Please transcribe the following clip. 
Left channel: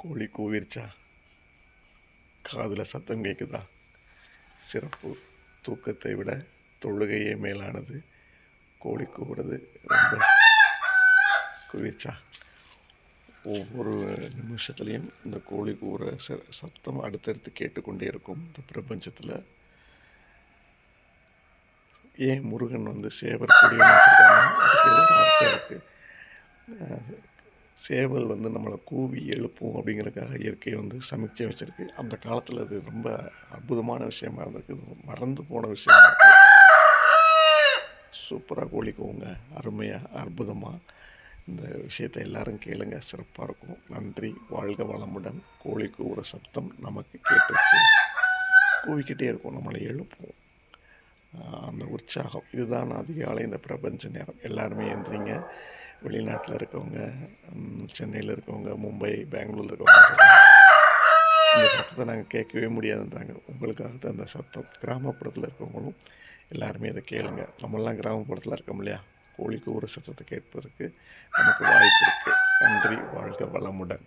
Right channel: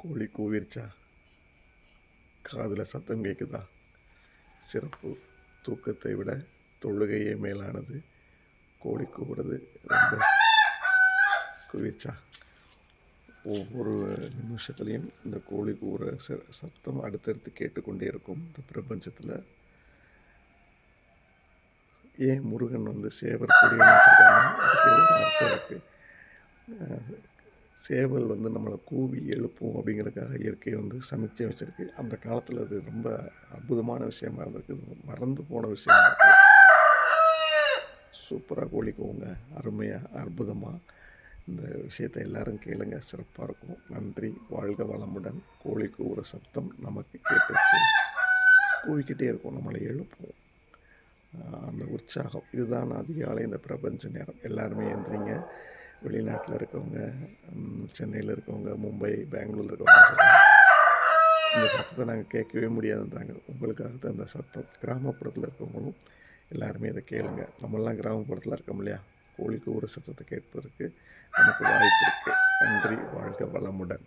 கோழி கூவிருச்சா? காதில் சத்தம் கேட்குதா? சிறப்பு. தூக்கத்தை விட தொழுகையே மேலானது. கோழி கூவுறது ரொம்ப கூவிருச்சா? ஒவ்வொரு நிமிஷத்துலேயும் இந்த கோழி கூவுற சத்தம் அடுத்தடுத்து கேட்டுக்கொண்டே இருக்கும் இந்த பிரபஞ்சத்தில். ஏன் முருகன் சேவர் கொடின்னு வச்சுருக்காங்க? அதுக்கு ஏதோ ஒரு அர்த்தம் இருக்குது. சேவல் நம்மளை கூவி எழுப்பும் அப்படிங்கிறதுக்காக இயற்கை சமைச்சு வச்சுருக்கு. அந்த காலத்தில் அது ரொம்ப அற்புதமான விஷயமா இருந்திருக்கு. மறந்து போன விஷயமா இருக்குது. சூப்பராக கோழி கூவுங்க, அருமையாக அற்புதமாக. இந்த விஷயத்தை எல்லாரும் கேளுங்க, சிறப்பாக இருக்கும். நன்றி. வாழ்க வளமுடன். கோழி கூவுற சத்தம் நமக்கு கேட்டுச்சு. கூவிக்கிட்டே இருக்கும், நம்மளை எழுப்பும். அந்த உற்சாகம் இதுதான் அதிகாலை இந்த பிரபஞ்ச நேரம். எல்லாருமே எழுந்திரிங்க. வெளிநாட்டில் இருக்கவங்க, சென்னையில் இருக்கவங்க, மும்பை, பெங்களூரில் இருக்கவங்க இந்த சத்தத்தை நாங்கள் கேட்கவே முடியாதுன்றாங்க. உங்களுக்காக தான் அந்த சத்தம். கிராமப்புறத்தில் இருக்கவங்களும் எல்லாருமே இதை கேளுங்க. நம்மளாம் கிராமப்புறத்தில் இருக்கோம் இல்லையா? கோழி கூவுற சத்தத்தை கேட்பதற்கு நமக்கு வாய்ப்பு இருக்குது. நன்றி. வாழ்க வளமுடன்.